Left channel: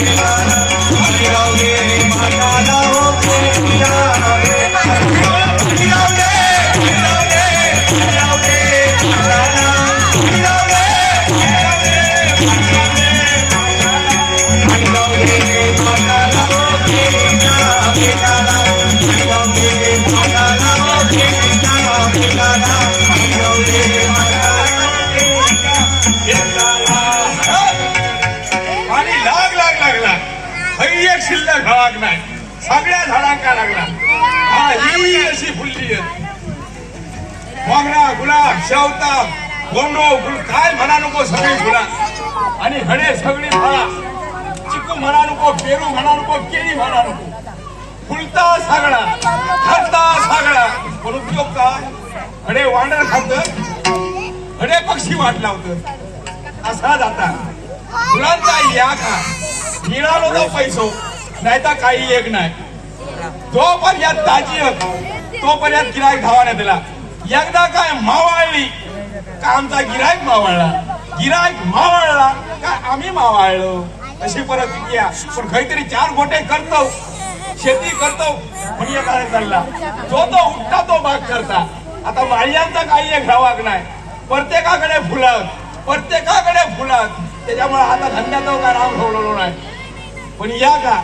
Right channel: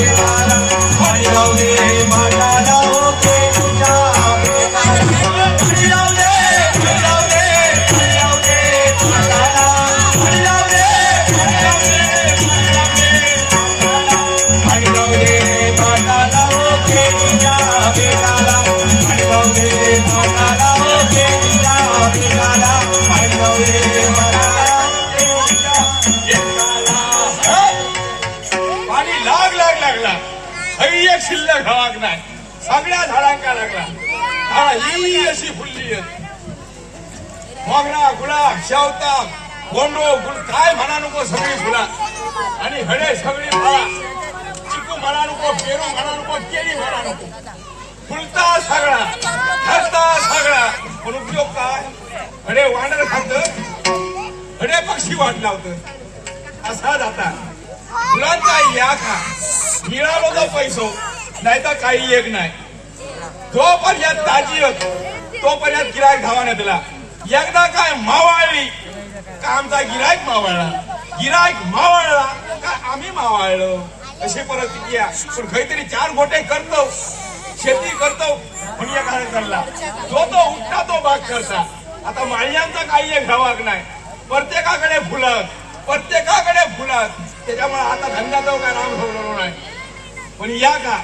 पाणी शिल्लक लाग नाही. सगळ्या झाडांका लागला. हा ही अशी फुलली मोगरा गुलाब शेवता गोंडो गुल काय म्हणा नको सगळी फुला. आणि हडे सगळी फळा. चिकू म्हणा नको पेरू म्हणा नको केळी म्हणा नको. फुलता सगळा खालता सगळा. पण उपयोग काय? हडे वांडर खात हडे पक्षी वाट होत असा जाता. फुलांचा या का मिळालो तो पैसो. नाही तर काही एक नाही. जोपर्यंत ताजी तोपर्यंत गिरायक धावाने दिला. एकदा काय मावाळली का आमचा गिरायक मावळला गिरायक मावळला का आम्ही मावाळलो अशी परिस्थिती आहे. पण काहीतरी चार गोटे करतो शेती करतो म्हणजे काय चालला. तो तो उठता तो बाग करता. आता माळ्यांचा काही एक धावाक नाही. प्रत्येकाकडे फुलत प्रत्येकाकडे फुलात त्याच्यामुळे आता धंद्याचा काय राम ठेवलेलो नाही. पण या का?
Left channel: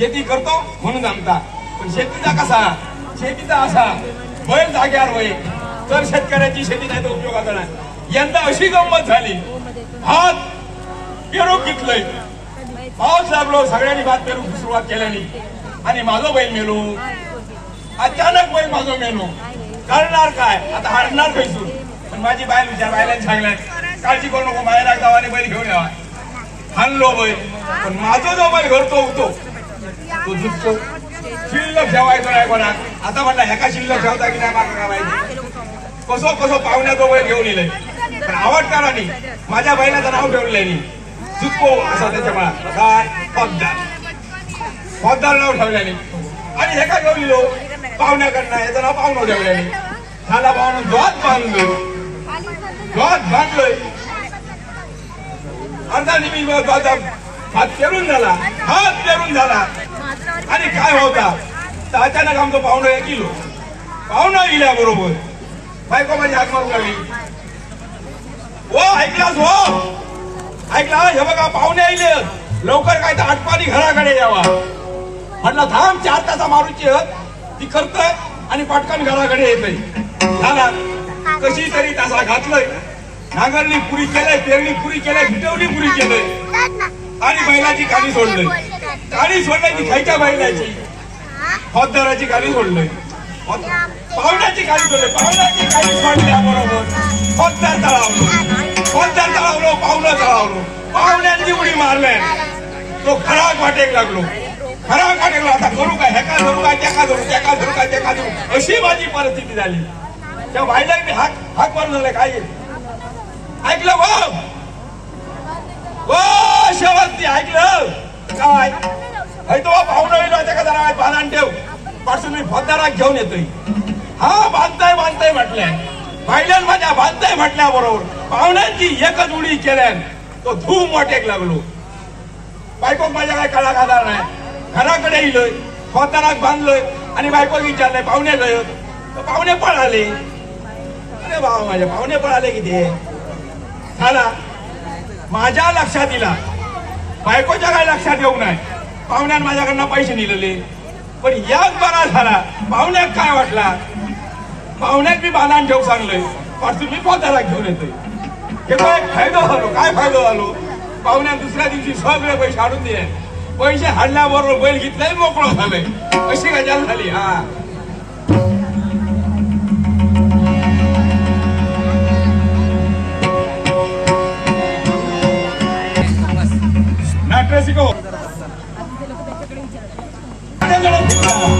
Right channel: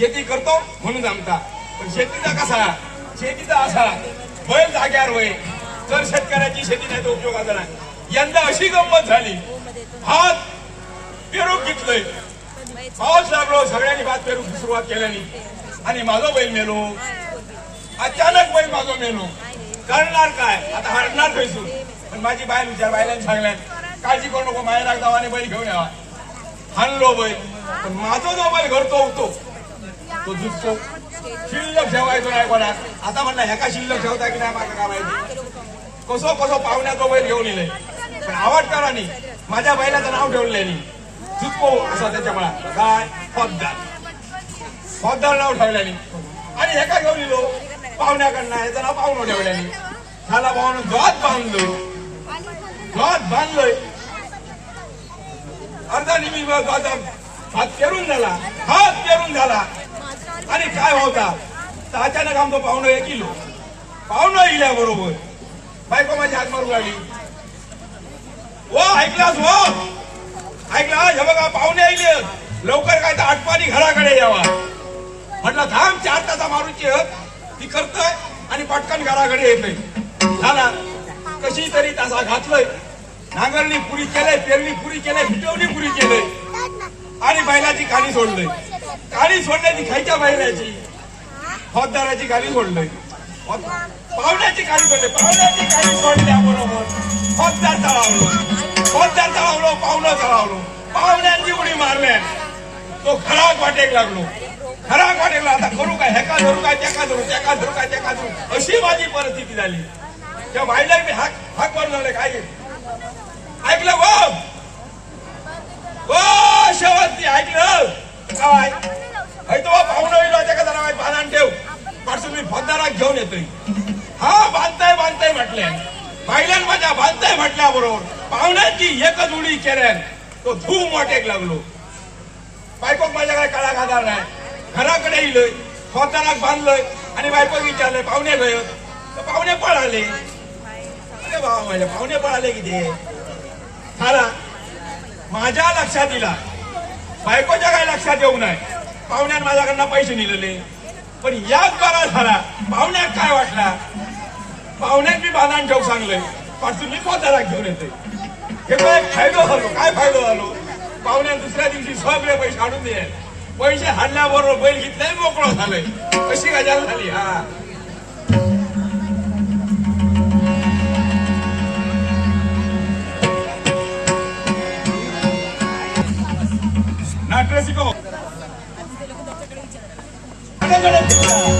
शेती करतो म्हणून सांगता. पण शेतीचा कसा? शेतीचा असा. बैल जाग्यावर होय. तर शेतकऱ्याची शेती नाही तर उपयोगाचा नाही. यंदा अशी गंमत झाली. भात पेरूक घेतलंय पाऊस लागलो सगळ्यांनी भात पेरू सुरुवात केल्याने. आणि माझं बैल मेलो. अचानक बैल माझं मेलो. करणार काय? आता हरणार खैसून पण माझी बायल विचार बायलांनी सांगल्यात काळजी करू नको मायला गावाने बैल घेऊन यावा. हाणलो बैल. पण माझा जो बैल घरतो उठतो तो झुकतो शिल्लक ठेवायचो नाही कोणा आता म्हणला ह्याका शिल्लक ठेवता की नाही माका काय माहिती कसो कसो पाहुण्याचा बैल घेऊन येईल पण आवडकारांनी माझ्या बैलाचं नाव ठेवलेलं जुतको असं त्याच्या मला काय पगदार पगदार नाव ठेवल्याने आणि हे काय घेऊन येलो. पाहुण्याकडनं याचं नाव पाहुणं ठेवल्याने ठाणा पाहुणं द्वात बांधलो. द्वात बांधलोय. अर्धा निमिष बाजार हात पेरून झाला. हात पेरून झाला. आणि काय होता तर अचानक आमचं पाहुणं एक किलो हो. पाहुणं इल्या बरोबर बायको माझी हाक मारू लागली हो ऐकलास हो? ऐकला हे बघा पाहुणे आले लवकर काय तर आटपाणी घराकडे यावा. म्हटलं थांब चार तासा मारूची ती करतोय आणि पटकन घराकडे येतोय. झाला. कशी तरी तासा घातलंय. नांगरणी पुरी केलंय पेरणी पुरी केलंय फिटवणी पुरी केलंय. आणि बैलाची खाली सोडलंय. गाडी सोडलंय ती खायच्या बैलाची फौजदाराची गाडी सोडलंय. फौज- पाहुण्याची गाडी सोडली. पाहुण्याची गाडी सोडल्याबरोबर फौजदार तळावलो फौजदार तळावलो पाहुणं तळावलो पाहुण्यांची उडी मारले. तो खराब वाटेक लागलो. खराब वाटेक लागला. करू काय? ह्याका धरू काय? त्याका धरू त्याका धरू काय? त्याका धरू. अशी माझी परिस्थिती झाली. त्या बाईला मी हाक हाक मारून काय? ऐकलं वा ओ शेवंती ऐकलं. काय तो पाहुणं येलो का जरा बांधण ठेव. पासून मी फौजदारात घेऊन येतोय. हा बांधताय बांधताय म्हटल्या. पाहिल्यान माझ्या बांधताय म्हटल्या बरोबर पाहुण्यांची एकच उडी केल्यान तो धूम वाटेक लागलो. बायको माझ्या काय कळा खाणार नाही? घराकडे येलोय फौजदारात बांधलोय आणि बायको विचारलंय पाहुणे गय तर पाहुणे पळाले. अरे भाऊ माझ्या पाहुणे पळाले किती? झाला. माझ्या लक्षात दिला बायकोच्या काय लक्षात येऊ नये? पाहुण्यान माझ्याकडनं पैसे निलेले पण याच बरा झाला. पाहुण्यात काय वाटला? पाहुण्यात मी बांधाण ठेवू सांगलंय. पासून मी स्वतःला घेऊन येते हे काय फायदा झालो? काय फायदा झालो? पाहुण्यात दुसऱ्या दिवशी सगळे पैसे हाडून दे पैसे हाडल्याबरोबर बैल घेतलाय मोकळं झालंय. कशी गजाल झाली? हा. शिकव கணக்கு